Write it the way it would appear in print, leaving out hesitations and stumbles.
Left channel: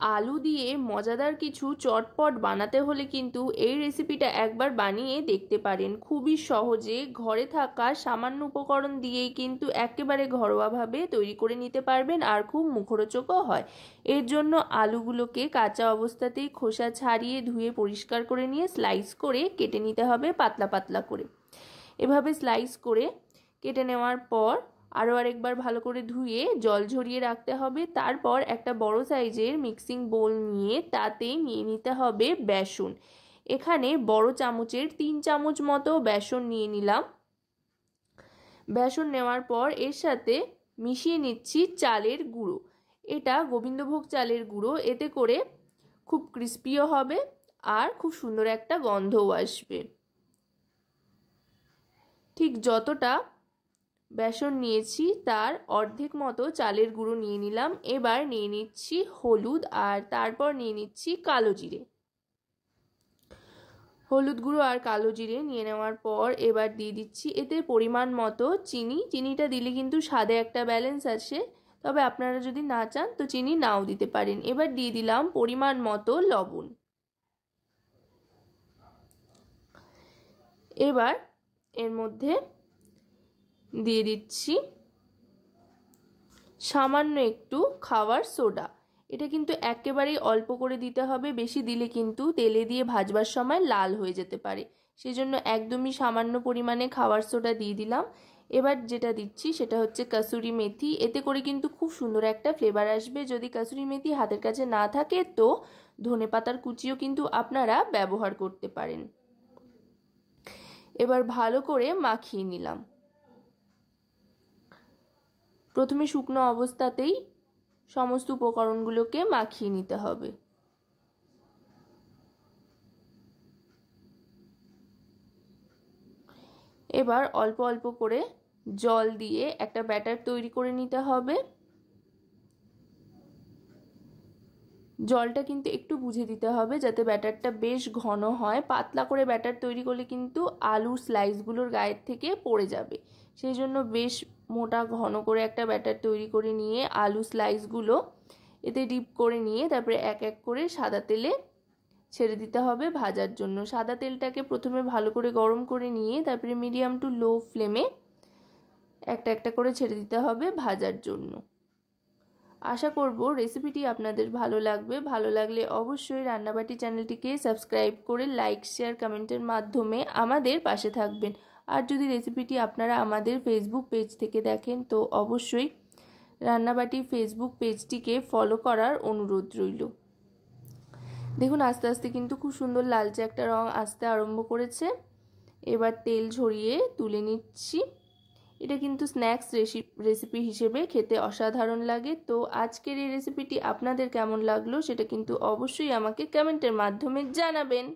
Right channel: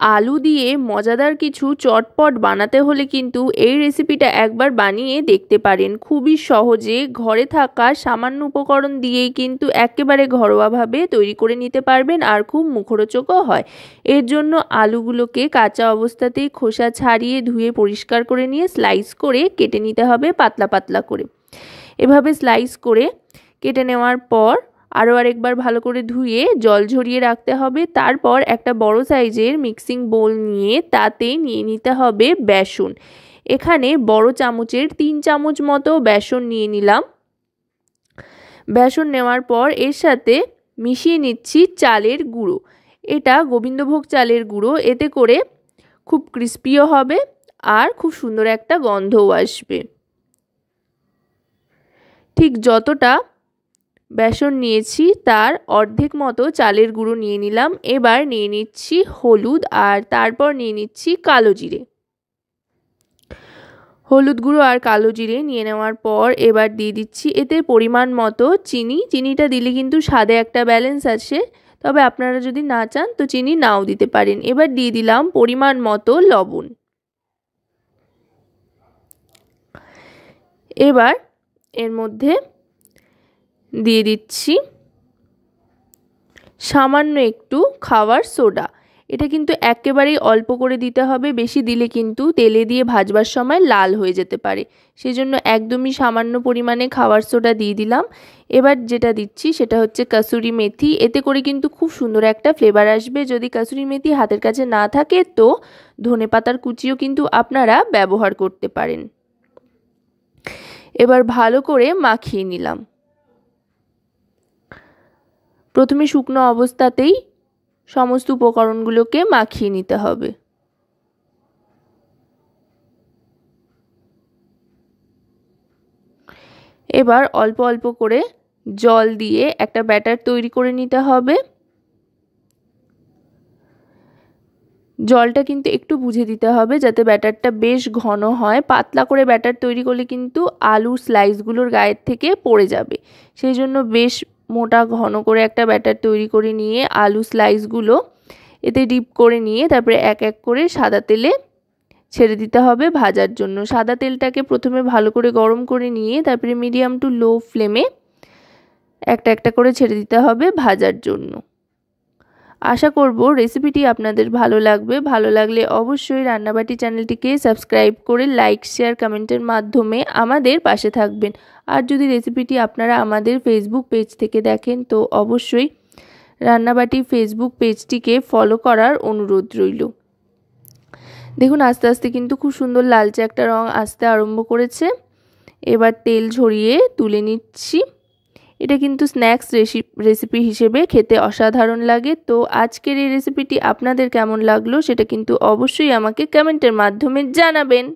আলু দিয়ে মজাদার কিছু চটপট বানাতে হলে কিন্তু এই রেসিপিটা একবার বানিয়ে দেখতে পারেন। খুবই সহজে ঘরে থাকা সামান্য উপকরণ দিয়েই কিন্তু একেবারে ঘরোয়াভাবে তৈরি করে নিতে পারবেন, আর খুব মুখরোচকও হয়। এর জন্য আলুগুলোকে কাঁচা অবস্থাতেই খোসা ছাড়িয়ে ধুয়ে পরিষ্কার করে নিয়ে স্লাইস করে কেটে নিতে হবে পাতলা পাতলা করে। এভাবে স্লাইস করে কেটে নেওয়ার পর আরও আরেকবার ভালো করে ধুয়ে জল ঝরিয়ে রাখতে হবে। তারপর একটা বড় সাইজের মিক্সিং বোল নিয়ে তাতে নিয়ে নিতে হবে বেসন। এখানে বড় চামচের 3 চামচ মতো বেসন নিয়ে নিলাম। বেসন নেওয়ার পর এর সাথে মিশিয়ে নিচ্ছি চালের গুঁড়ো। এটা গোবিন্দভোগ চালের গুঁড়ো, এতে করে খুব ক্রিস্পিও হবে আর খুব সুন্দর একটা গন্ধও আসবে। ঠিক যতটা বেসন নিয়েছি তার অর্ধেক মতো চালের গুঁড়ো নিয়ে নিলাম। এবার নিয়ে নিচ্ছি হলুদ, আর তারপর নিয়ে নিচ্ছি কালো জিরে। হলুদ গুঁড়ো আর কালো জিরে নিয়ে নেওয়ার পর এবার দিয়ে দিচ্ছি এতে পরিমাণ মতো চিনি। চিনিটা দিলে কিন্তু স্বাদে একটা ব্যালেন্স আছে, তবে আপনারা যদি না চান তো চিনি নাও দিতে পারেন। এবার দিয়ে দিলাম পরিমাণ মতো লবণ। এবার এর মধ্যে দিয়ে দিচ্ছি সামান্য একটু খাবার সোডা। এটা কিন্তু একেবারেই অল্প করে দিতে হবে, বেশি দিলে কিন্তু তেলে দিয়ে ভাজবার সময় লাল হয়ে যেতে পারে। সেজন্য একদমই সামান্য পরিমাণে খাবার সোডা দিয়ে দিলাম। এবার যেটা দিচ্ছি সেটা হচ্ছে কাসুরি মেথি। এতে করে কিন্তু খুব সুন্দর একটা ফ্লেভার আসবে। যদি কাসুরি মেথি হাতের কাছে না থাকে তো ধনেপাতার কুচিও কিন্তু আপনারা ব্যবহার করতে পারেন। এবার ভালো করে মাখিয়ে নিলাম। প্রথমে শুকনো অবস্থাতেই সমস্ত উপকরণগুলোকে মাখিয়ে নিতে হবে। এবার অল্প অল্প করে জল দিয়ে একটা ব্যাটার তৈরি করে নিতে হবে। জলটা কিন্তু একটু বুঝে দিতে হবে যাতে ব্যাটারটা বেশ ঘন হয়। পাতলা করে ব্যাটার তৈরি করলে কিন্তু আলুর স্লাইসগুলোর গায়ের থেকে পড়ে যাবে। সেই জন্য বেশ মোটা ঘন করে একটা ব্যাটার তৈরি করে নিয়ে আলু স্লাইসগুলো এতে ডিপ করে নিয়ে তারপরে এক এক করে সাদা তেলে ছেড়ে দিতে হবে ভাজার জন্য। সাদা তেলটাকে প্রথমে ভালো করে গরম করে নিয়ে তারপরে মিডিয়াম টু লো ফ্লেমে একটা একটা করে ছেড়ে দিতে হবে ভাজার জন্য। আশা করব রেসিপিটি আপনাদের ভালো লাগবে। ভালো লাগলে অবশ্যই রান্নাবাটি চ্যানেলটিকে সাবস্ক্রাইব করে লাইক শেয়ার কমেন্টের মাধ্যমে আমাদের পাশে থাকবেন। আর যদি রেসিপিটি আপনারা আমাদের ফেসবুক পেজ থেকে দেখেন তো অবশ্যই রান্নাবাটি ফেসবুক পেজটিকে ফলো করার অনুরোধ রইল। দেখুন আস্তে আস্তে কিন্তু খুব সুন্দর লালচে একটা রং আসতে আরম্ভ করেছে। এবার তেল ঝরিয়ে তুলে নিচ্ছি। এটা কিন্তু স্ন্যাক্স রেসিপি হিসেবে খেতে অসাধারণ লাগে। তো আজকের এই রেসিপিটি আপনাদের কেমন লাগলো সেটা কিন্তু অবশ্যই আমাকে কমেন্টের মাধ্যমে জানাবেন।